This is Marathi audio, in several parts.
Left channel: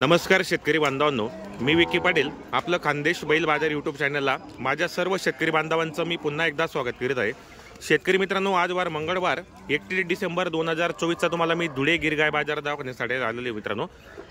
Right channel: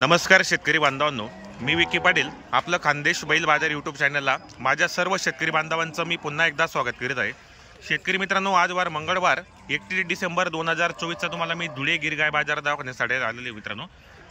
नमस्कार शेतकरी बांधवांनो, मी विकी पाटील आपलं खानदेश बैल बाजार यूट्यूब चॅनलला माझ्या सर्व शेतकरी बांधवांचं मी पुन्हा एकदा स्वागत करीत आहे। शेतकरी मित्रांनो, आज वार मंगळवार 31 डिसेंबर 2024 तुम्हाला मी धुळे गिरगाय बाजार दवाखान्यासाठी आलेले मित्रांनो।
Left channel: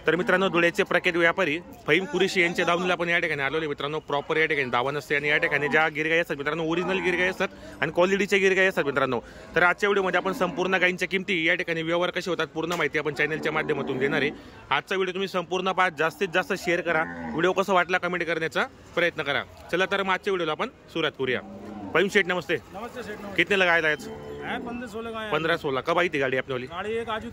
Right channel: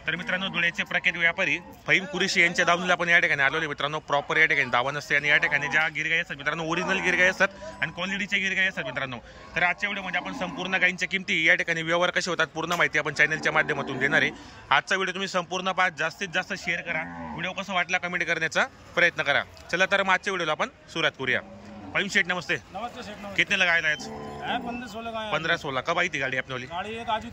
तर मित्रांनो, धुळेचे प्रख्यात व्यापारी फहीम कुरेशी यांच्या दावणीला आपण या ठिकाणी आलेले मित्रांनो। प्रॉपर या ठिकाणी दावा नसते आणि या ठिकाणी ज्या गिरगाय असतात मित्रांनो, ओरिजिनल गिरगाय असतात आणि क्वालिटीचे गिरगाय असतात मित्रांनो। तर आजच्या व्हिडिओमध्ये आपण संपूर्ण गायींच्या किमती, या ठिकाणी व्यवहार कसे होतात पूर्ण माहिती आपण चॅनलच्या माध्यमातून देणार आहे। आजचा व्हिडिओ तुम्ही संपूर्ण पहा, जास्तीत जास्त शेअर करा, व्हिडिओ कसा वाटला कमेंट करण्याचा प्रयत्न करा। चला तर मग आजच्या व्हिडिओला आपण सुरुवात करूया। फहीम सेठ नमस्ते। नमस्ते सेठ, नमस्ते। कितने लगाया आज? 15-16 का 15-16। कब आई थी गाड़ी अपने वाली? गाड़ी एक आज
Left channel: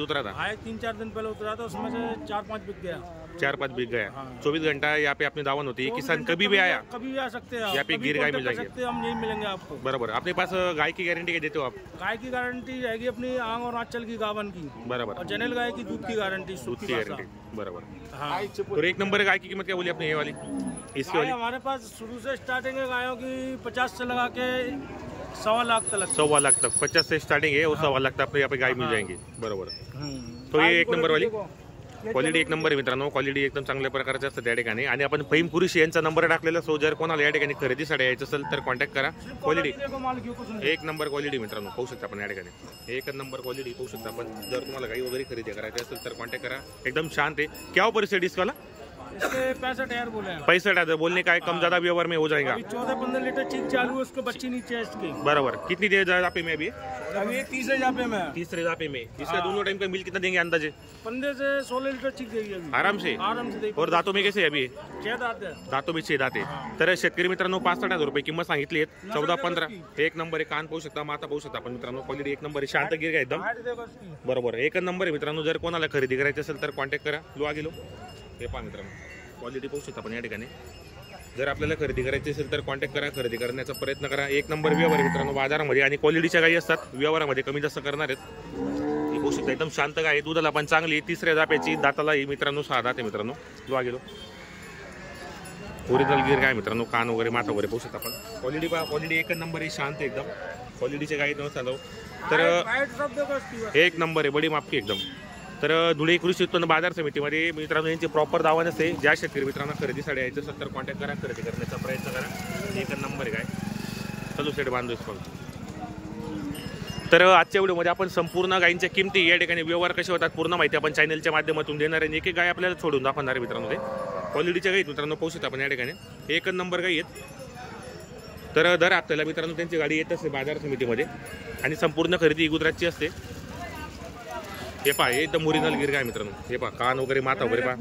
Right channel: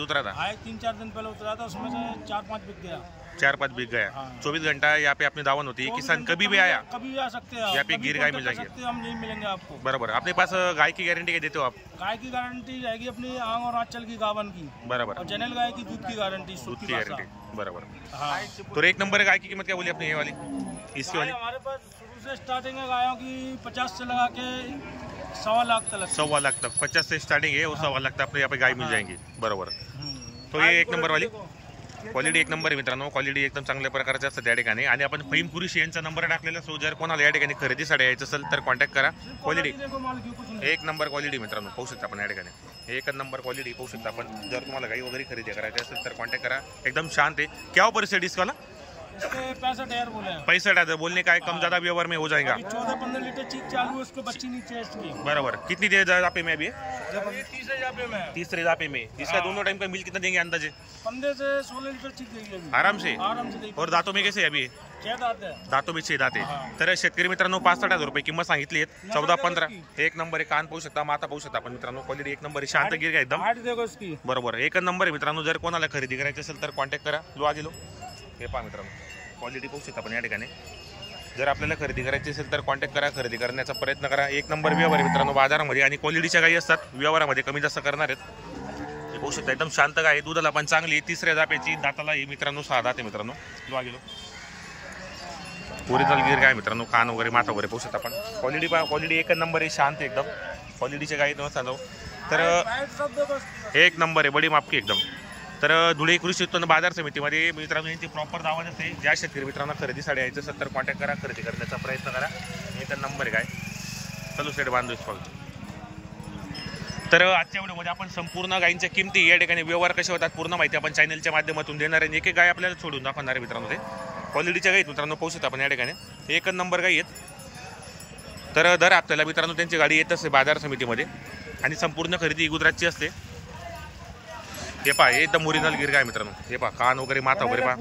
उतरा था। हाँ, 3-4 दिन पहले उतरा था, उसमें से 4-5 बिक गया। 4-5 बिक गया। हाँ। 24 घंटा यहाँ पे अपनी दावन होती है, किसान कभी भी आया कभी भी आ सकते हैं, यहाँ पे गिर गाय मिल जाएगी, हम यही मिलेंगे आपको। बराबर। अपने पास गाय की गारंटी क्या देते हो आप? गाय की गारंटी रहेगी अपनी आंग और आंचल की गावन की, बराबर, और जनरल गाय की दूध की गारंटी, दूध की गारंटी, बराबर। हाँ। तो एक नंबर गाय की कीमत क्या बोली अपने ये वाली, इसकी वाली? हमारे पास शुरू से स्टार्टिंग है गायों की 50 से लगा के 1.25 लाख तक। 1.25 लाख तक 50 से स्टार्टिंग है, 1.25 लाख तक अपने यहाँ पे गाय मिल जाएंगी, बरोबर। तो ये एक नंबर वाली क्वालिटी एक नंबर आहे मित्रांनो, क्वालिटी एकदम चांगल्या प्रकारची असते त्या ठिकाणी। आणि आपण फहीम कुरेशी यांचा नंबर टाकलेला, सो जर कोणाला या ठिकाणी खरेदीसाठी यायचं असेल तर कॉन्टॅक्ट करा। क्वालिटी एक नंबर क्वालिटी मित्रांनो, पाहू शकता आपण या ठिकाणी एक नंबर क्वालिटी पाहू शकता आपण। जर तुम्हाला गाई वगैरे खरेदी करायची असेल तर कॉन्टॅक्ट करा, एकदम शांत है। क्या ऊपर से डिस्काउंट? इसके 65,000 बोले हैं। 65,000 बोलने का है, कम ज्यादा व्यवहार में हो जाएगा। 14-15 लीटर चीज चालू है, उसको बच्ची नीचे है इसकी, बराबर। कितनी देर जापे में अभी? तीसरे जापे में। तीसरे जापे में। इसका दोनों टाइम का बिल कितना देंगे अंदाजे? 15 से 16 लीटर चीज देगी अभी, आराम से। देगी। और दांतों में कैसे अभी? 6 दांत है। दातों में 6 दात आहे। तर शेतकरी मित्रांनो, 65,000 रुपये किंमत सांगितली आहे। 14-15 एक नंबर आहे। कान पाहू शकता, माता पाहू शकता आपण मित्रांनो, क्वालिटी एक नंबर आहे, शांत गिर आहे एकदम, देखो इसकी, बरोबर एक नंबर आहे मित्रांनो। जर कोणाला खरेदी करायची असेल तर कॉन्टॅक्ट करा। लो आ गेलो, हे पहा मित्रांनो, क्वालिटी पाहू शकता आपण या ठिकाणी। जर आपल्याला खरेदी करायची असेल तर कॉन्टॅक्ट करा, खरेदी करण्याचा प्रयत्न करा। एक नंबर व्यवहार आहे मित्रांनो बाजारामध्ये, आणि क्वालिटीच्या गायी असतात, व्यवहारामध्ये कमी जास्त करणार आहेत। हे पाहू शकता एकदम शांत गाय आहे, दुधाला पण चांगली, तिसऱ्या जाप्याची, दाताला ही मित्रांनो 6 दात आहे मित्रांनो। लो आ गेलो, ओरिजिनल गिर गाय मित्रांनो, कान वगैरे माथा वगैरे पाहू शकता आपण। क्वालिटी एक नंबर आहे, शांत एकदम, क्वालिटीच्या गायी नसतात तर एक नंबर आहे, बडी मापकी एकदम। तर धुळे कृषी उत्पन्न बाजार समितीमध्ये मित्रांनो यांची प्रॉपर दावा नसते। ज्या शेतकरी मित्रांना खरेदीसाठी यायचं असेल तर कॉन्टॅक्ट करा, खरेदी करण्याचा प्रयत्न करा। एक नंबर आहे काय चलो सेट बांधू स्कॉल। तर आजच्या व्हिडिओमध्ये आपण संपूर्ण गायींच्या किमती, या ठिकाणी व्यवहार कसे होतात पूर्ण माहिती आपण चॅनलच्या माध्यमातून देणार आहे। एक एक गाय आपल्याला सोडून दाखवणार आहे मित्रांनो, ते क्वालिटीच्या गायी मित्रांनो पाहू शकता आपण या ठिकाणी, एक नंबर गायी आहेत। तर दर हप्त्याला मित्रांनो त्यांची गाडी येत असते बाजार समितीमध्ये, आणि संपूर्ण खरेदी गुजरातची असते। हे पहा एकदम ओरिजिनल गिर गाय मित्रांनो, हे पहा कान वगैरे माथा वगैरे पहा,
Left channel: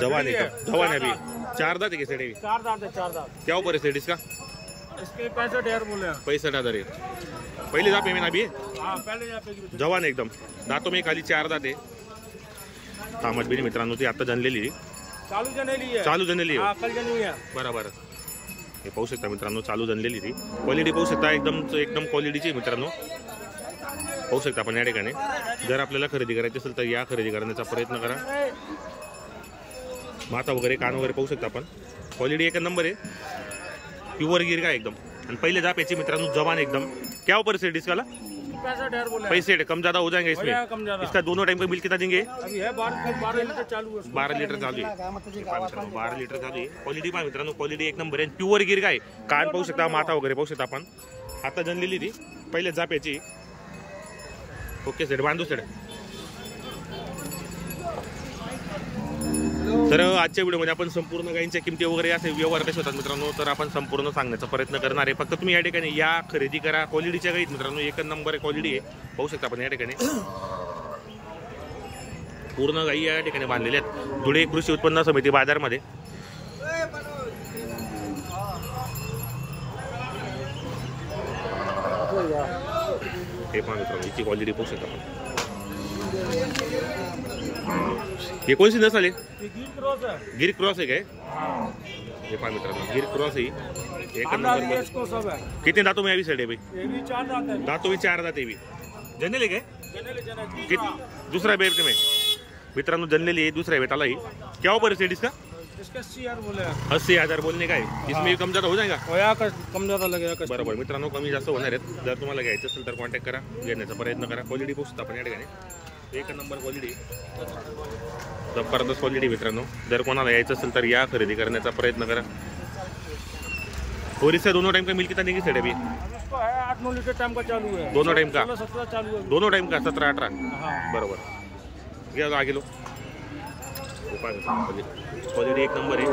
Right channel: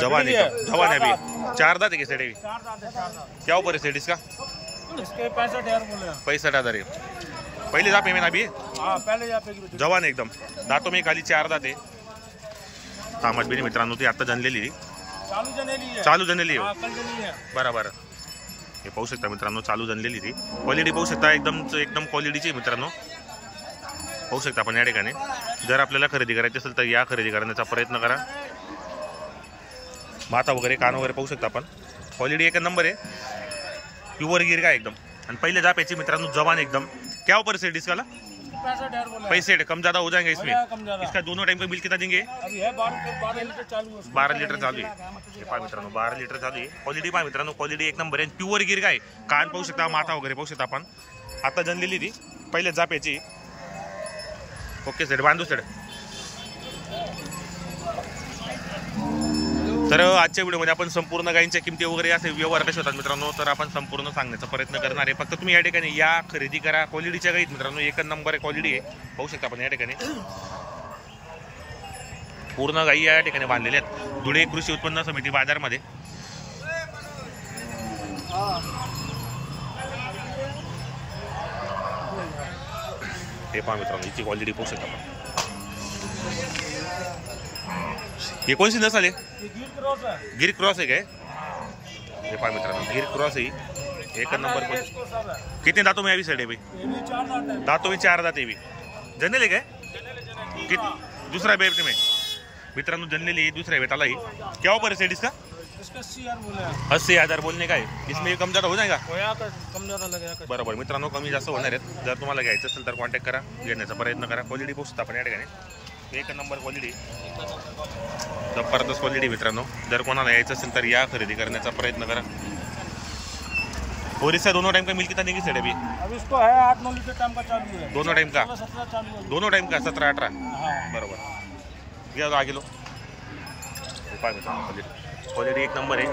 जवान एकदम, जवान है अभी। 4 दांत है सेठ? 4 दांत है, 4 दांत। क्या ऊपर है सेठ इसका? इसके 65,000 बोले हैं। 65,000 है। पहले जापे में ना अभी? हां, पहले जापे की, जवान एकदम, दांतों में खाली 4 दांत आहे। तामत भी मित्रांनो ती आता जनलेली, चालू जनली है, चालू जनलेली हां, कल जनी है, बरोबर। हे पाहू शकता मित्रांनो, चालू जनलेली ती, क्वालिटी पाहू शकता एकदम क्वालिटीची मित्रांनो, पाहू शकता आपण या ठिकाणी। जर आपल्याला खरेदी करायची असेल तर या खरेदी करण्याचा प्रयत्न करा। माथा वगैरे कान वगैरे पाहू शकता आपण, क्वालिटी एक नंबर आहे, प्युअर गिर गाय एकदम। आणि पहिले जाप्याची मित्रांनो, जवान एकदम। क्या ऊपर से डिस्काला? 65,000 बोले। पैसे कम ज्यादा हो जाएंगे इसमें, कम ज्यादा। इसका दोनों टाइम का बिल कितना देंगे? अभी है 12 लीटर चालू है, 12 लीटर चालू आहे। हे पहा मित्रांनो 12 लीटर चालू आहे। क्वालिटी पहा मित्रांनो, क्वालिटी एक नंबर आहे, प्युअर गिर गाय। कान पाहू शकता, माथा वगैरे पाहू शकता आपण, आता जनलेली ती पहिले जाप्याची। ओके सेठ बांधू सेठ। तर आजच्या व्हिडिओमध्ये आपण संपूर्ण गायींच्या किमती वगैरे असे व्यवहार कसे होतात मित्रांनो, तर आपण संपूर्ण सांगण्याचा प्रयत्न करणार आहे। फक्त तुम्ही या ठिकाणी या, खरेदी करा। क्वालिटीच्या गायीत मित्रांनो एक नंबर क्वालिटी आहे, पाहू शकता आपण या ठिकाणी पूर्ण गायी या ठिकाणी बांधलेल्या आहेत धुळे कृषी उत्पन्न समिती बाजारमध्ये। हे पहा मित्रांनो, याची क्वालिटी पाहू शकता आपण। ये कौन सी नस्ल है? गिर क्रॉस है। गिर क्रॉस है क्या? ये पहा मित्रांनो, गिर क्रॉस है, एक नंबर पर। कितने दांतों में अभी सेठ है भाई? ये भी 4 दांत है। दांतों में 4 दांत है भी। जनलेली काय? दुसरा बेट में मित्रांनो जनलेली दुसऱ्या बेटाला ही। क्या ऊपर है सेठ इसका? इसका 80,000 बोले हैं। 80,000 बोलने का है, इसमें कम ज्यादा हो जाएगा? कम ज्यादा लगेगा, बरोबर मित्रांनो, कमी जास्त होणार आहेत। जर तुम्हाला घ्यायचं असेल तर कॉन्टॅक्ट करा, घेण्याचा प्रयत्न करा। क्वालिटी पाहू शकता आपण या ठिकाणी, एक नंबर क्वालिटी, जबरदस्त क्वालिटी मित्रांनो. जर कोणाला यायचं असेल तर या, खरेदी करण्याचा प्रयत्न करा. ओरिसा दोनों टाइम का मिल्क कितना देंगी सेठ अभी? अब इसको है 8-9 लीटर टाइम का चालू है. दोनों टाइम का? 16-17 चालू है. दोनों टाइम का 17-18. हाँ बरोबर. घ्या आगे लो. हे पाय मित्रांनो क्वालिटी एक नंबर आहे.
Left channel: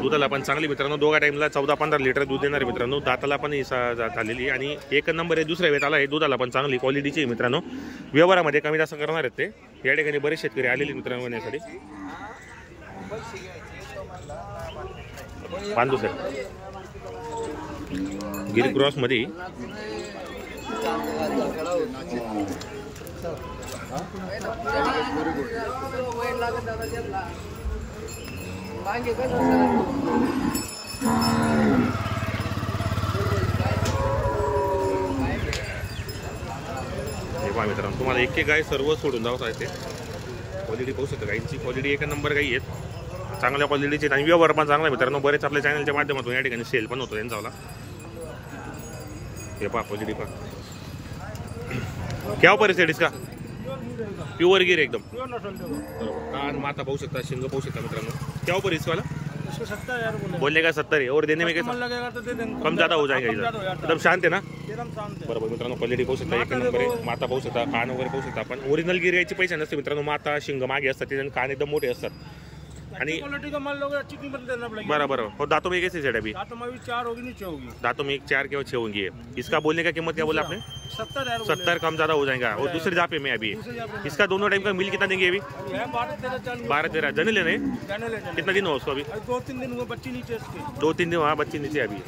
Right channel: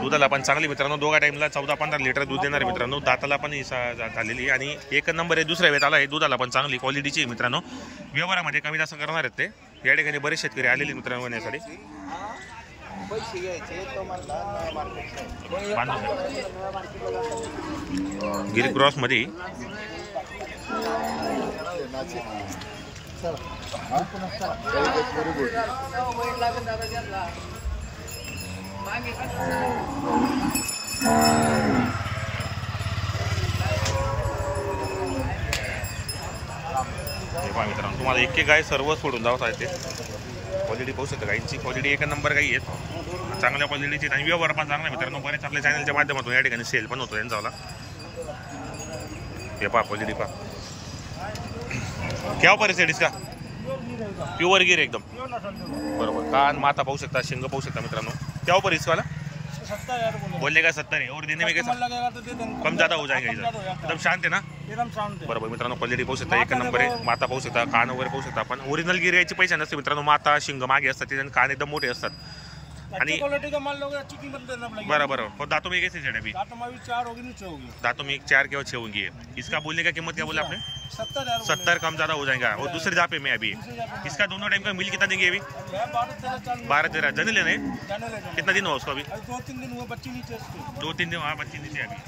दुधाला पण चांगली मित्रांनो. दोघा टाइमला 14-15 लिटर दूध देणार मित्रांनो. दाताला पण झालेली आणि एक नंबर आहे. दुसऱ्या वेळेला आहे. दुधाला पण चांगली क्वालिटीची मित्रांनो. व्यवहारामध्ये कमी जास्त करणार आहेत ते. या ठिकाणी बरेच शेतकरी आलेले मित्रांनो घेण्यासाठी. बांधू सर गिरी क्रॉस मध्ये हे पहा मित्रांनो, तुम्हाला एक गाय सर्व सोडून जावं आहे. ते क्वालिटी पाहू शकता. गायींची क्वालिटी एक नंबर गाई आहेत, चांगल्या क्वालिटीचे आणि व्यवहार पण चांगला मित्रांनो. बरेच आपल्या चॅनलच्या माध्यमातून या ठिकाणी सेल पण होतो यांचा. हे पहा क्वालिटी पहा. क्या ऊपर है इसका? प्युअर गिर एकदम बरोबर. कान माथा पाहू शकता, शिंग पाहू शकता मित्रांनो. क्या ऊपर इसका वाला? 70,000 बोलने का 70 है और देने में कैसा लगेगा तो दे देंगे. कम ज्यादा हो जाएगा एकदम शांत है ना. एकदम शांत है. बरोबर मित्रांनो. क्वालिटी पाहू शकता एक नंबर आहे. माथा पाहू शकता, कान वगैरे पाहू शकता. आपण ओरिजिनल गिर याची पैसे नसते मित्रांनो. माथा शिंग मागे असतात ते, कान एकदम मोठे असतात. आणि क्वालिटी का माल लोगे अच्छी कीमत देना पड़ेगा. बराबर. और दांतों में कैसे सेट अभी? दांतों में भी 4 होगी, नीचे होगी. दांतों में 4 के 6 होंगी. इसका बोलने का कीमत क्या बोला आपने? 70,000. 70 कम ज्यादा हो जाएगा. और दूसरे जापे में अभी इसका दोनों टाइम का मिल कितना देंगे अभी? 12-13 जने लेने. कितना दिन हुआ उसको अभी? 2-3 दिन हुए. बच्ची नीचे इसके 2-3 दिन हुआ. बच्ची नीचे अभी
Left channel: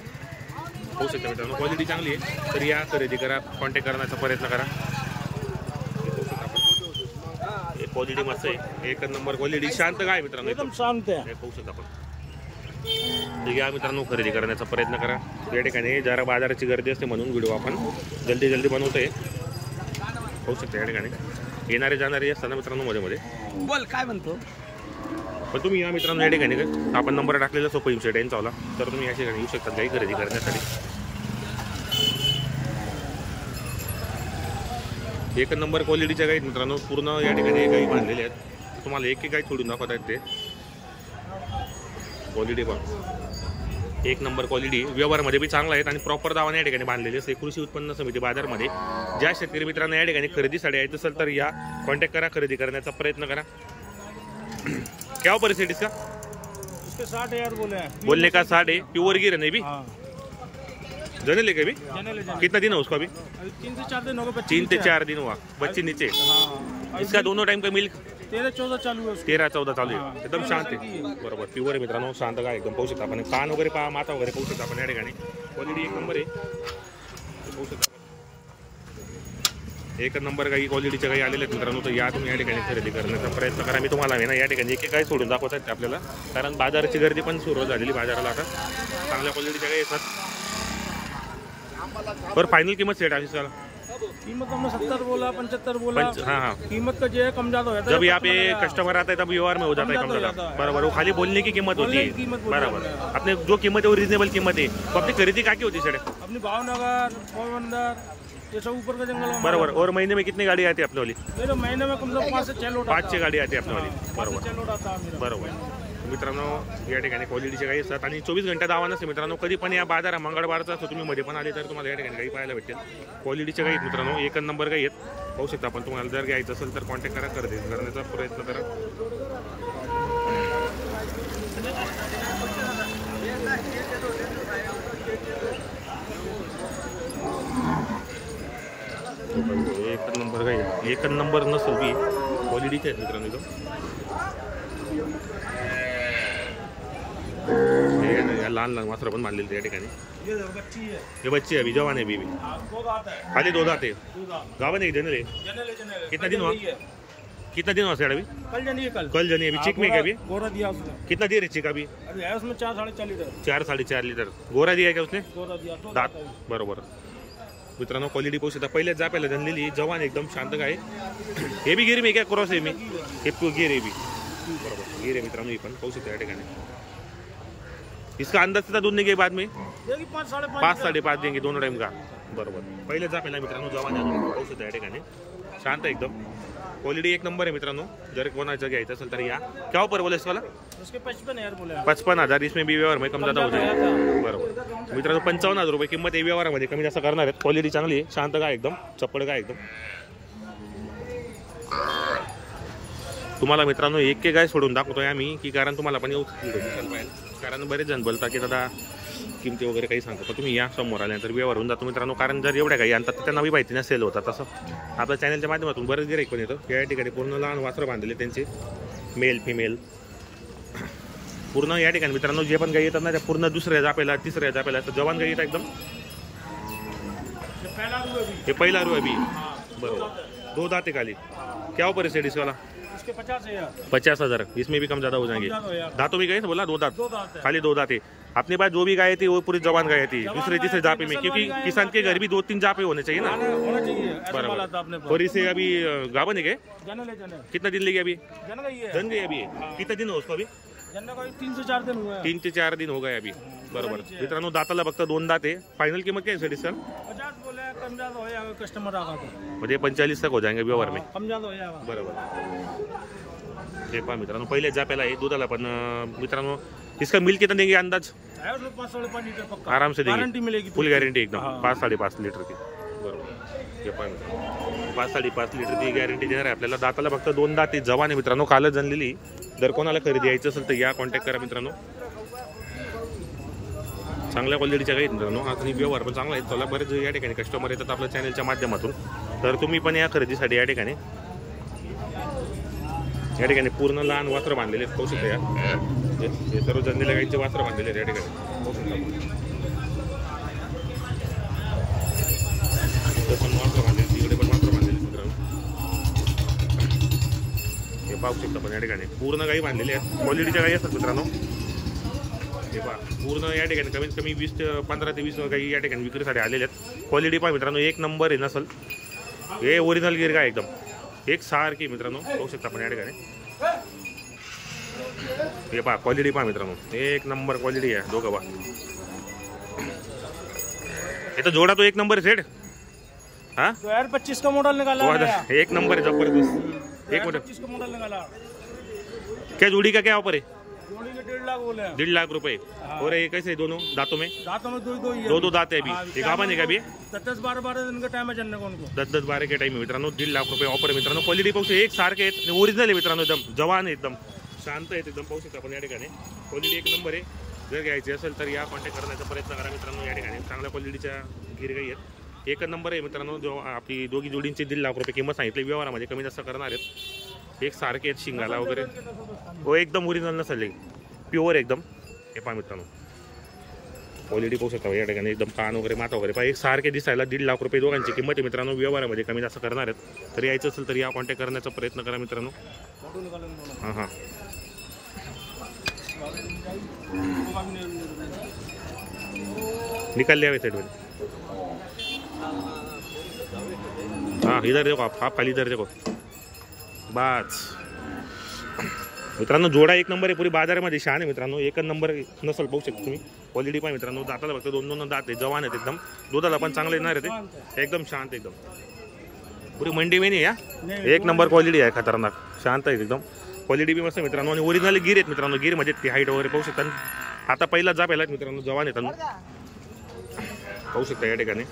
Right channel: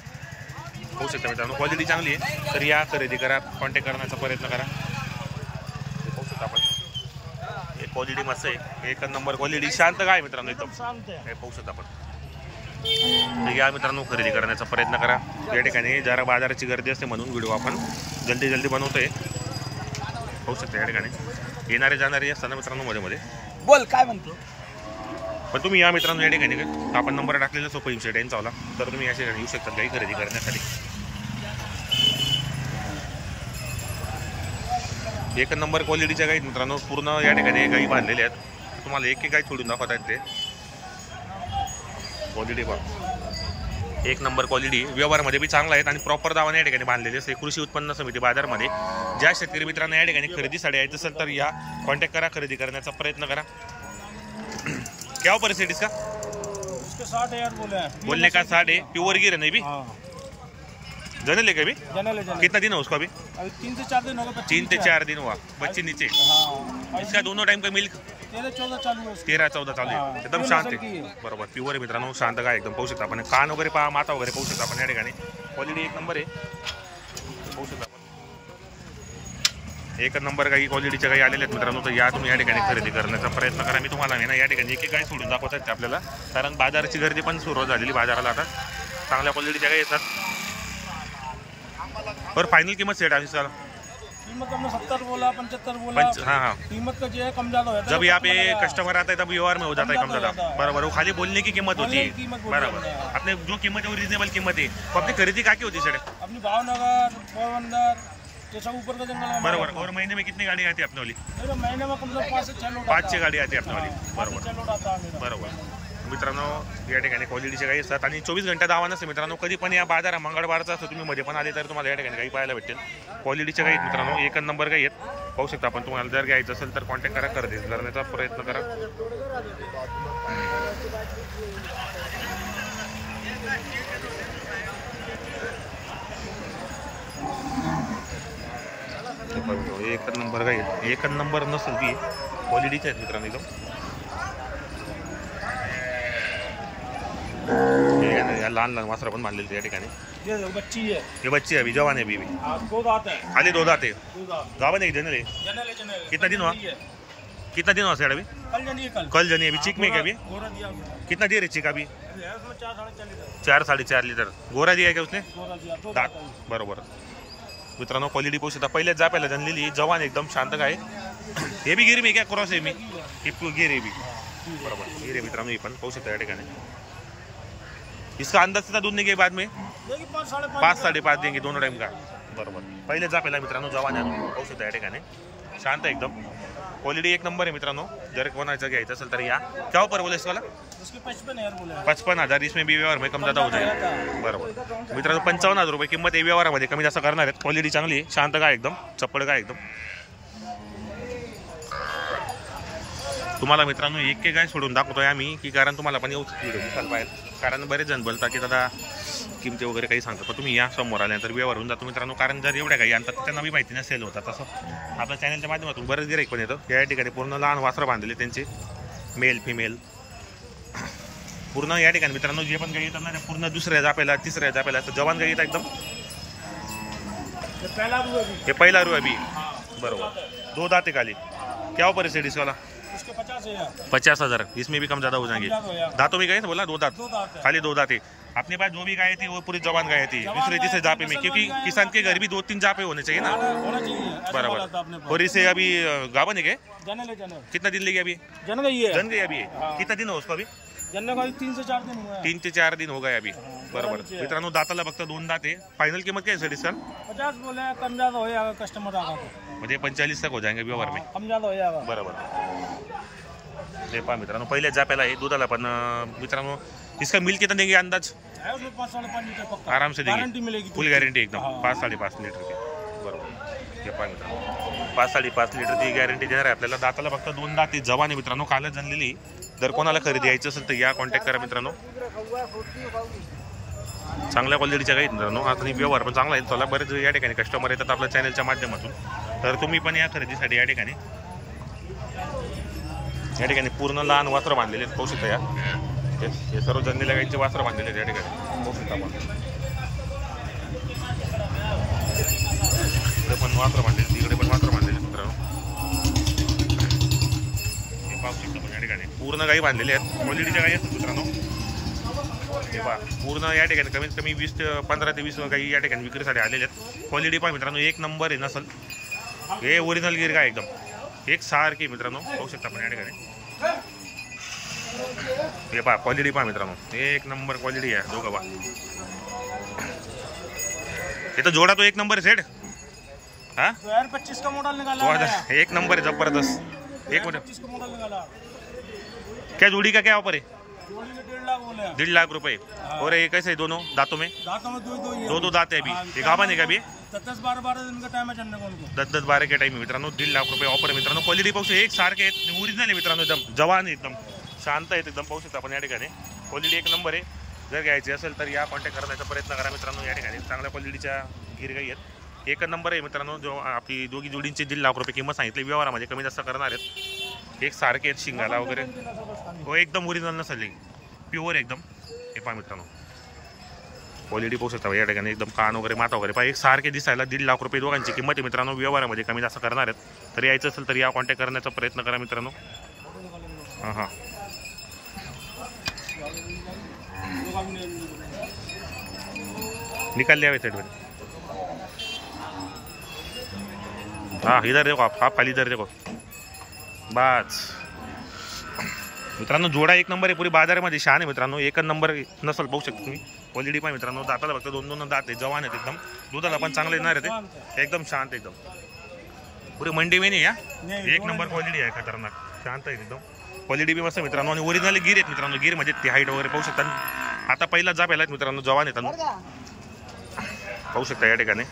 होऊ शकता मित्रांनो. क्वालिटी चांगली आहे तर या, खरेदी करा, कॉन्टॅक्ट करण्याचा प्रयत्न करा. होऊ शकता आपण. हे क्वालिटी मस्त आहे. एक नंबर क्वालिटी. शांत काय मित्रांनो एकदम शांत है. हे पाहू शकता आपण. तर या मित्रांनो, खरेदी करण्याचा प्रयत्न करा. या ठिकाणी जरा बाजाराची गर्दी असते म्हणून व्हिडिओ आपण जल्दी बनवतोय. पाहू शकता या ठिकाणी येणारे जाणारे असताना मित्रांनो मध्ये मध्ये. बोल काय म्हणतो. पण तुम्ही या मित्रांनो या ठिकाणी आपण नंबर टाकलेला सोपं सेट यांचा वाला, तर तुम्ही या ठिकाणी येऊ शकता गाई खरेदी करण्यासाठी. एक नंबर क्वालिटीच्या गाई मित्रांनो. पूर्ण या ठिकाणी गाई बांधलेल्या आहेत. तुम्हाला एक गाई सोडून दाखवत आहेत ते. क्वालिटी पहा एक नंबर क्वालिटी. व्यवहारमध्ये बी चांगला आहेत आणि प्रॉपर दावाने या ठिकाणी बांधलेले असते. कृषी उत्पन्न समिती बाजारमध्ये ज्या शेतकरी मित्रांना या ठिकाणी खरेदीसाठी यायचं असेल तर या, कॉन्टॅक्ट करा, खरेदी करण्याचा प्रयत्न करा. क्या ऊपर है इसका? इसके 60,000 बोले हैं. बोलने का 60 है. प्योर गिर है नहीं भी? जने लेके अभी? कितना दिन है उसको अभी? 3 से 4 दिन हो गए. 3 से 4 दिन हुआ. बच्चे नीचे. इसका दोनों टाइम का मिल्क 13-14 चालू है. 13-14 चालू आहे. एकदम शांत आहे. बरोबर प्युअर आहे मित्रांनो. शांत काय एकदम पाहू शकता आपण. कान वगैरे पहा, माथा वगैरे पाहू शकता आपण. या ठिकाणी क्वालिटी एक नंबर आहे. पाहू शकता आपण. एक नंबर काही क्वालिटीच्या काही आलेले आहेत मित्रांनो. तर या तुम्ही या ठिकाणी खरेदी करण्याचा प्रयत्न करा. मी तुम्हाला ना या ठिकाणी एक काही सोडून दाखवत आहेत आपल्याला, कारण बाजाराची गर्दी पण सुरुवात झालेली बाजाराला. आता चांगल्या क्वालिटीच्या काही येतात. और फाइनल कीमत सेट है इसका? कीमत हमने 70 बोला, 75 बोला. हाँ. कीमत का जो है कम ज्यादा होता है. जब यहाँ पे कस्टमर आता है तब व्यवहार में हो जाता है कम ज्यादा. बराबर. वो खाली बोलने की कीमत होती है. बराबर. अपने जो कीमत है वो रिजनेबल कीमत है. तो अपनी खरीदी क्या की होती है सर? अपनी भावनगर, पोरबंदर, ये सब ऊपर का जंगल. बराबर. और महीने में कितनी गाड़ी आती है अपने वाली? मेरे महीने में कम से कम 5 से 6 लोड. 5-6 गाड़ी आती है अपने वाली. बरोबर. 6 लोड आता है. बरोबर मित्रांनो. या ठिकाणी क्वालिटीचे काही असतात आणि 24 घंटा दावा नसते मित्रांनो. कधी पण या बाजार मंगळवारचा असतो, तुम्ही मध्ये पण आले तर तुम्हाला या ठिकाणी काही पाहायला भेटेल. क्वालिटीचे काही मित्रांनो एक नंबर काही आहेत. पाहू शकता आपण. तुम्हाला जर घ्यायचं असेल तर कॉन्टॅक्ट करा, खरेदी करण्याचा प्रयत्न करा. एक नंबर काही एक नंबर नसेल की क्वालिटीचे आहेत मित्रांनो एकदम. या लहान लहान वासरं पण बांधलेली या ठिकाणी. ये बच्ची है. ये बच्ची है अभी, जवान है अभी. 2 दांत है. खाली 2 दांत है. गावन है जनरल है. कितना दिन हुआ? कितना दिन हुआ सर अभी? कल जनी. कल जनी अभी. चिक में क्या अभी? गोरा दिया उसने. कितना दिया चिक अभी? उसमें 4-4.5 लीटर. 4-4.5 लीटर गोरा दिया क्या उसने? गोरा दिया. 2 दात. बरोबर मित्रांनो. क्वालिटी पाहू शकता. पहिल्याच जाप्याला जनलेली जवान एकदम शांत काय. हे बी गिर में क्या क्रॉस है मी? हे गिर है बी. बरोबर गिर है मित्रांनो. ही पण पाहू शकता या ठिकाणी. इसका अंदाज कितना दूध देंगे बाद में? 5-5.5 देंगे दोनों टाइम का. बरोबर. पहिले जापेला मित्रांनो जवान आहे. पाहू शकता या ठिकाणी. शांत एकदम. क्वालिटी एक नंबर आहे मित्रांनो. जर कोणाचं घ्यायचं असेल तर या. क्या पर बोले इसवाला? उसके 55,000 बोले. 55,000. इसमें भी व्यवहार में कम ज्यादा हो जाएगा. बरोबर मित्रांनो 55,000 रुपये किंमत आहे. व्यवहारामध्ये कमी जास्त करणार आहेत. क्वालिटी चांगली आहे. शांत गाय एकदम, चप्पड गाय एकदम. तुम्हाला मित्रांनो एक गाय सोडून दाखवतोय आम्ही की कारण तुम्हाला पण येऊच व्हिडिओ दिसायला पाहिजे. कारण बरेच जण बोलतात की दादा किमती वगैरे काही सांगतात, पण तुम्ही या समोर आल्यानंतर व्यवहार होऊन जातो मित्रांनो. कारण जर एवढ्या काही आणतात तर त्यांना बी माहिती नसेल होतात. तसं आपल्या चॅनलच्या माध्यमातून बरेच गिराईक पण येतं. या ठिकाणी पूर्ण लहान वासरं बांधलेले त्यांचे, मेल फिमेल पूर्ण या ठिकाणी मित्रांनो. जे पण गाई येतात ना त्या पूर्ण दुसऱ्या जापेला, तिसऱ्या जापेला तर जवान गाई येतात एकदम. हे पहिला रू अभी बरोबर. 2 दाते खाली. क्या ऊपर है इसवाला? उसके 50,000. 50,000. इसमें भी कम ज्यादा हो जाएंगे. दांतों में गए ना बोला 2 दांत. खाली 2 दांत है. अपने पास जो भी गाय थी वो पूरी जवान गाय थी. दूसरे तीसरे जापे में, क्योंकि किसान के घर भी 2-3 जापे होने चाहिए ना. बराबर. और इसे अभी गावन है क्या? कितना दिन लेगी अभी? जन गई अभी. कितना दिन हो उसको अभी? 3 से 4 दिन हुआ. 3 से 4 दिन हो गए अभी. बरोबर मित्रांनो. दाताला फक्त 2 दात आहे. फायनल किंमत काय आहे डिस्काउंट? 50 बोले, कम ज्यादा हो जाएगा. कस्टमर आगा तो म्हणजे 45 तक हो जाएंगे व्यवहार में. कम ज्यादा हो जाएगा. बरोबर. हे पहा मित्रांनो पहिले जाप्याला आहे. दुधाला पण मित्रांनो इसका मिल्क कितना देंगे अंदाज? 5-5.5 लीटर पक्का आराम से देंगे. गारंटी मिलेगी. फुल गॅरंटी एकदम. 5-5.5 लीटर की. बरोबर. हे पहा मित्रांनो 5-5.5 लीटरची गॅरंटी देणार आहे आपल्याला. दाताला फक्त 2 दात जवान आहे मित्रांनो. कालच जनलेली. जर कोणाला खरेदी यायचं असेल तर या कॉन्टॅक्ट करा मित्रांनो. चांगल्या क्वालिटीच्या गाईत मित्रांनो. आता व्यवहार पण चांगला आहे. चला बरेच या ठिकाणी कस्टमर येतात आपल्या चॅनलच्या माध्यमातून. तर तुम्ही पण या खरेदीसाठी या ठिकाणी पूर्ण लहान वासरं बांधलेले आहेत. पाहू शकता या. हे सर्व जनलेल्या गाईंचे वासरं बांधलेले आहेत या ठिकाणी. पाहू शकता आपण. इकडे पण वासरं बांधलेले, तिकडे पण वासरं बांधलेले मित्रांनो. हे पाहू शकता पण या ठिकाणी पूर्ण गाई बांधलेले आहेत. क्वालिटीच्या गाई असतात मित्रांनो. हे पहा पूर्ण या ठिकाणी कमीत कमी 15 ते 20 गाई या ठिकाणी विक्रीसाठी आलेले आहेत. क्वालिटी पहा मित्रांनो एक नंबर आहे. नसल हे ओरिजिनल गिर गाय एकदम एक सारखी मित्रांनो. पाहू शकता आपण या ठिकाणी. हे पहा क्वालिटी पहा मित्रांनो एक नंबर क्वालिटी आहे. दोघं पहा. हे तर जोडा तो एक नंबर सेट. हाँ 2025 का मॉडल निकाला. एक नंबर है जबरदस्त. एक मिनट. 25 का मॉडल निकाला. क्या जोड़ी का क्या ऑफर है? जोड़ी के 1.5 लाख बोले. 1.5 लाख रुपए. और ये कैसे दोनों दांतों में? दांतों में 2 ही है. 2 दांत है अभी. एक गाभा नहीं का अभी? 10-12 दिन का टाइम है चलने को उनको. 10-12 के टाइम है मित्रांनो. 1.5 लाख रुपये ऑफर आहे मित्रांनो. क्वालिटी पाहू शकता एक सारखे आहेत. ओरिजिनल आहे मित्रांनो. एकदम जवान आहे एकदम शांत आहेत एकदम. पाहू शकता आपण या ठिकाणी क्वालिटी एक नंबर आहे. जर घ्यायची असेल तर या कॉन्टॅक्ट करण्याचा प्रयत्न करा मित्रांनो. या ठिकाणी चांगल्या क्वालिटीच्या गिरगाई आहेत. एक नंबर आहे मित्रांनो. जो आपली दोघी जोडींची 1.5 लाख रुपये किंमत सांगितली. व्यवहारामध्ये कमी जास्त करणार आहेत. एक सारखे आहेत शिंगाला वगैरे. हो एकदम ओरिजिनल नसेल प्युअर एकदम. हे पहा मित्रांनो क्वालिटी पाहू शकता या ठिकाणी एकदम. कान वगैरे माथा वगैरे पहा एक सारखे दिसायला. 1.5 लाख रुपये दोघांची किंमत आहे मित्रांनो. व्यवहारामध्ये कमी जास्त करणार आहेत. तर यायचं असेल तर या कॉन्टॅक्ट करण्याचा प्रयत्न करा मित्रांनो. हां हां निकाल लिया साइड में. हाँ इधर देखो आप खाली इधर देखो बस मित्रांनो. जोडा एक नंबर आहे. पुरी बाजारामध्ये शान आहे मित्रांनो. एक नंबर नसल पाहू शकता तुम्ही. क्वालिटी पण मित्रांनो. दाताला फक्त 2 दात आहे. जवान आहेत एकदम. दुधाला पण चांगले येणार आहे. एकदम शांत एकदम. पुरी मंडी में नाही या. एक नंबर क्वालिटी आहे. खतरनाक शांत आहे एकदम. क्वालिटी बी मस्त मित्रांनो. आणि ओरिजिनल गिर आहेत मित्रांनो. गिर मध्ये ती हाईट वगैरे पाहू शकता. आता पहिला जा पहिला मित्रांनो. जवान येतात पाहू शकता या ठिकाणी.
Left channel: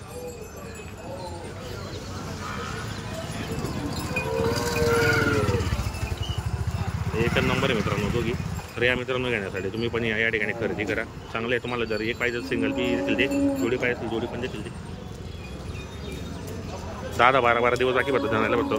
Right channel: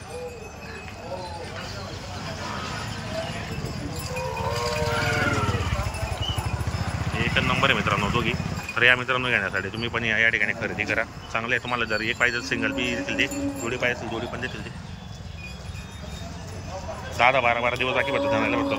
एक नंबर आहे मित्रांनो दोघी. तर या मित्रांनो घेण्यासाठी तुम्ही पण या ठिकाणी खरेदी करा. चांगलं आहे. तुम्हाला जर एक पाहिजे सिंगल बी देतील ते. जोडी पाहिजे असेल जोडी पण देतील ते. 10-12 दिवस बाकी पडतो जाण्याला पडतो.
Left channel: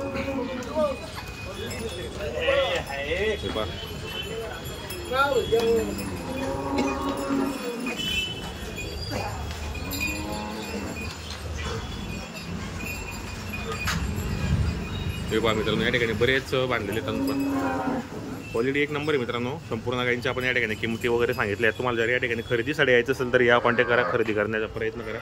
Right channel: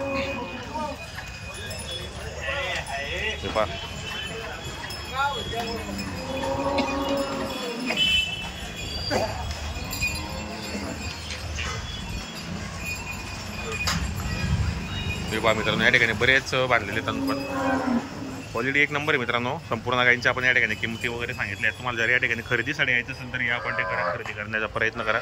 हे पहा मित्रांनो या ठिकाणी बरेच बांधलेले आहेत. पण क्वालिटी एक नंबर आहे मित्रांनो. संपूर्ण गायींच्या आपण या ठिकाणी किमती वगैरे सांगितल्या आहेत. तुम्हाला जर या ठिकाणी खरेदीसाठी यायचं असेल तर या कॉन्टॅक्ट करा. खरेदी करण्याचा प्रयत्न करा.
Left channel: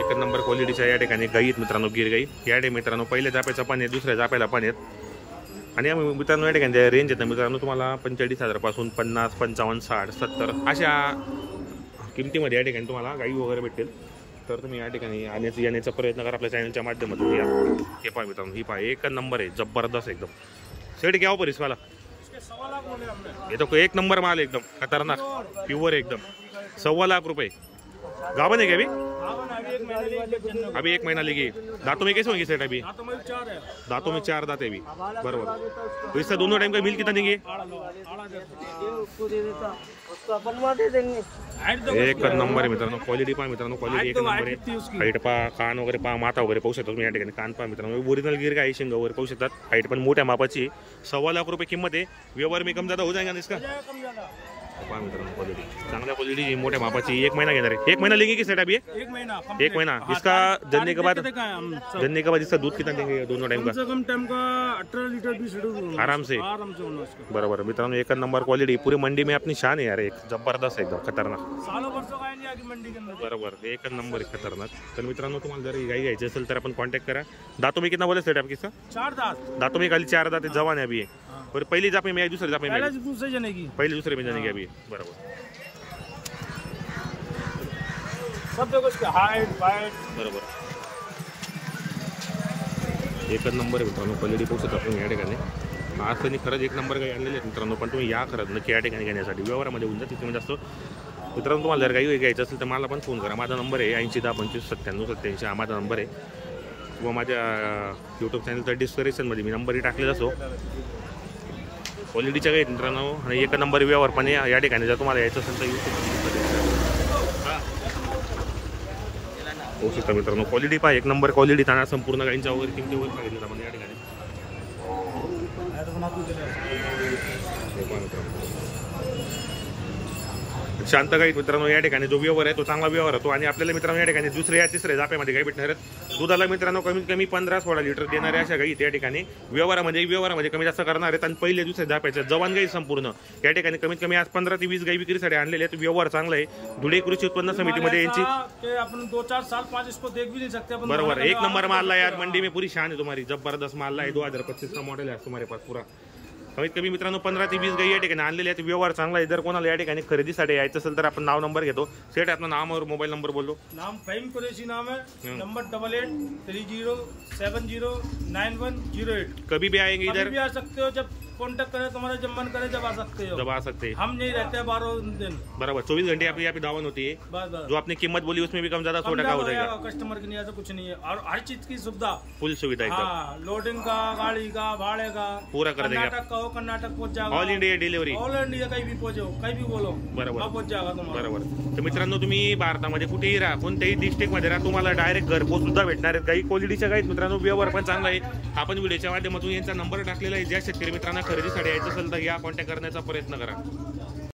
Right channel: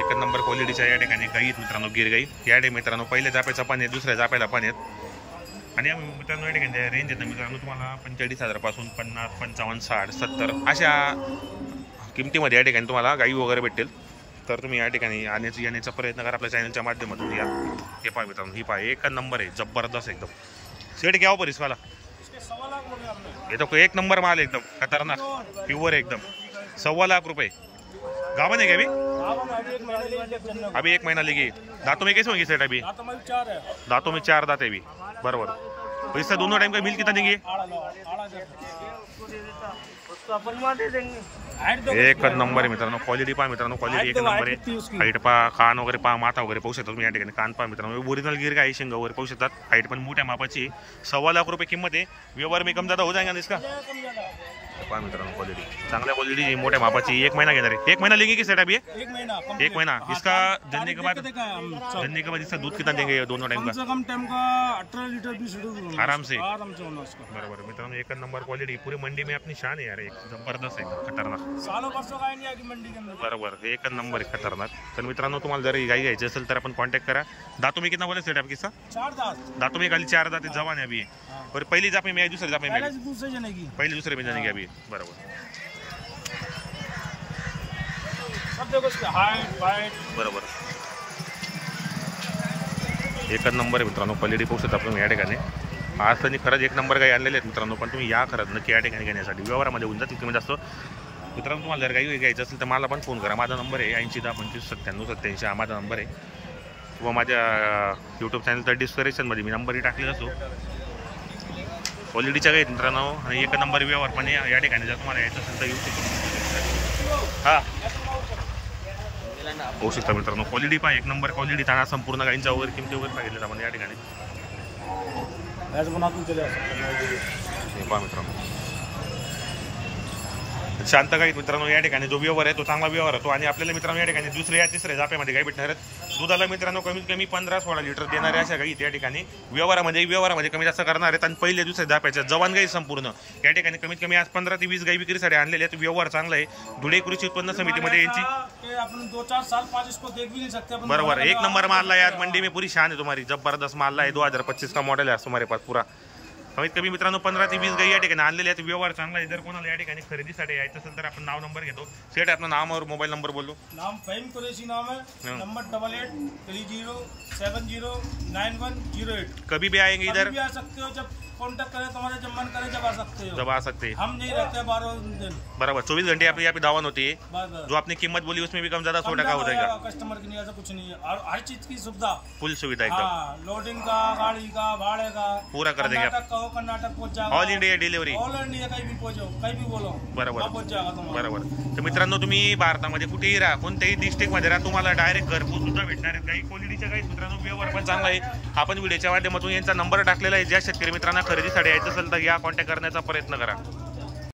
एक नंबर क्वालिटीच्या या ठिकाणी गाई आहेत मित्रांनो. गिर गाई या ठिकाणी मित्रांनो. पहिल्या जाप्याचा पण आहे. दुसऱ्या जाप्याला पण आहेत. आणि मित्रांनो या ठिकाणी रेंज आहेत ना मित्रांनो. तुम्हाला 45,000 पासून 50, 55, 60, 70 अशा किमतीमध्ये या ठिकाणी तुम्हाला गाई वगैरे भेटेल. तर तुम्ही या ठिकाणी येण्याचा प्रयत्न करा आपल्या चॅनलच्या माध्यमातून. या हे पहा मित्रांनो, ही पहा एक नंबर आहे, जबरदस्त एकदम. सेट घ्यावं परिस वाला, इसके 1.25 लाख बोले हमने. ये तो एक नंबर माल एकदम खतरनाक प्युअर एकदम. 1.25 लाख रुपये. गावन है क्या अभी? अभी 1 महीने लेगी. अभी 1 महीना लेगी. दांतों में कैसे होंगे सेट अभी? दांतों में 4 है. दांतों में 4 दांत है अभी. बराबर. तो इसका दोनों टाइम का बिल कितना देंगे? 8,500. एक नंबर आहे मित्रांनो. क्वालिटी पहा मित्रांनो, क्वालिटी एक नंबर आहे. हाईट पहा, कान वगैरे पहा, माथा वगैरे पाहू शकता तुम्ही या ठिकाणी. कान पहा मित्रांनो, ओरिजिनल गिर का आहे, शिंग वगैरे पाहू शकतात. हाईट पण मोठ्या मापाची. 1.25 लाख रुपये किंमत आहे. व्यवहार में कम ज्यादा हो जाएगा ना इसका? कम ज्यादा. पहा मित्रांनो, क्वालिटी चांगल्या क्वालिटीची, मोठ्या मापाची. 1 महीना घेणार आहे. 1 महीना लेंगे की सेट अभी? 1 महीना. 1 महीना. इसका जन्ने के बाद इसका दूध कितना देंगे दोनों टाइम कम का? से कम टाइम का 18 लीटर 20 लीटर आराम से होना उसका. बरोबर मित्रांनो, एक नंबर क्वालिटी. पूरी मंडी में अपनी शान है यार, एक जबरदस्त एकदम खतरनाक. सालों वर्षों काय नहीं आगी मंडी के अंदर. बरोबर, एक नंबर आहे खतरनाक. तर मित्रांनो, तुम्हाला जर गाई घ्यायची असेल तर आपण कॉन्टॅक्ट करा. दातों में कितना बोले सेट आपकी? 4 दांत. दातों में खाली 4 दांत जवान है अभी. और पहली जाप में दूसरी जाप में पहले से दूसरे जने की. पहले दूसरे में जाने की अभी. बरोबर सब देखो इसका हाइट वाइट. बरोबर, एक नंबर आहे मित्रांनो. क्वालिटी पाहू शकता आपण या ठिकाणी. आज तर खरंच एक नंबर काही आणलेले आहेत मित्रांनो, पण तुम्ही या खरंच नक्की या ठिकाणी घेण्यासाठी. व्यवहारामध्ये होऊन जातील कमी जास्त मित्रांनो. तुम्हाला जर काही घ्यायचं असेल तर मला पण फोन करा. माझा नंबर आहे 8010259787. हा माझा नंबर आहे. किंवा माझ्या यूट्यूब चॅनलच्या डिस्क्रिप्शनमध्ये मी नंबरही टाकलेला असतो. क्वालिटीच्या काही मित्रांनो, आणि एक नंबर व्यवहार पण या ठिकाणी जर तुम्हाला यायचं असेल तर यूट्यूब. हां होऊ शकता मित्रांनो. क्वालिटी पहा, एक नंबर क्वालिटी. थाना संपूर्ण गाईंच्या वगैरे किमती वगैरे सांगितलं आपण या ठिकाणी. हे पहा मित्रांनो, शांत गाईत मित्रांनो. या ठिकाणी जो व्यवहार आहे तो चांगला व्यवहार होतो. आणि आपल्याला मित्रांनो या ठिकाणी दुसऱ्या तिसऱ्या जाप्यामध्ये गाई भेटणार आहेत. दुधाला मित्रांनो कमीत कमी 15-16 लिटर देणाऱ्या अशा गाई या ठिकाणी व्यवहारामध्ये कमी जास्त करणार आहेत. आणि पहिले दुसऱ्या जाप्याच्या जवान गाई संपूर्ण या ठिकाणी कमीत कमी आज 15 ते 20 गाई विक्रीसाठी आणलेले आहेत. व्यवहार चांगला आहे. धुळे कृषी उत्पन्न समितीमध्ये यांची अपन 2-4 साल 5 इसको देख भी नहीं सकते अपन. बरोबर, एक नंबर माल है यार. मंडी में पूरी शान है तुम्हारी. जबरदस्त माल है. 2025 का मॉडल है तुम्हारे पास पूरा. कमीत कमी मित्रांनो 15 ते 20 गाई या ठिकाणी आणलेले आहेत. व्यवहार चांगला आहे. जर कोणाला या ठिकाणी खरेदीसाठी यायचं असेल तर आपण नाव नंबर घेतो. सेट आपलं नाम और मोबाईल नंबर बोलो. नाम फहीम कुरैशी नाम है. नंबर 8830709108. कभी भी आएंगे इधर? कभी भी आ सकते हो. जब कॉन्टेक्ट करें तुम्हारा, जब मन करे जब आ सकते हो. जब आ सकते हैं. हम नहीं रहते 12 दिन. बराबर, 24 घंटे आपकी यहाँ पे दावत होती है. बस बस. जो आपने कीमत बोली उसमें भी कम ज्यादा 100 टका हो जाएगा. कस्टमर की नहीं, ऐसा कुछ नहीं है. और हर चीज की सुविधा, फुल सुविधा एकदम. हाँ, लोडिंग का, गाड़ी का, भाड़े का पूरा कर देंगे. कर्नाटक का हो कर्नाटक पहुंच जाएगा. All India delivery. All India कहीं भी पहुंचो, कहीं भी बोलो बरोबर पहुंच जाएगा तुम्हाला. बरोबर. तर मित्रांनो, तुम्ही भारतामध्ये कुठेही राहा, कोणत्याही डिस्ट्रिक्ट मध्ये राहा, तुम्हाला डायरेक्ट घरपोच सुद्धा भेटणार आहेत. काही क्वालिटीच्या काही मित्रांनो व्यवहार पण चांगला आहे. आपण व्हिडिओच्या माध्यमातून यांचा नंबर टाकलेला आहे. ज्या शेतकरी मित्रांना खरेदीसाठी यायचं असेल तर या कॉन्टॅक्ट करण्याचा प्रयत्न करा.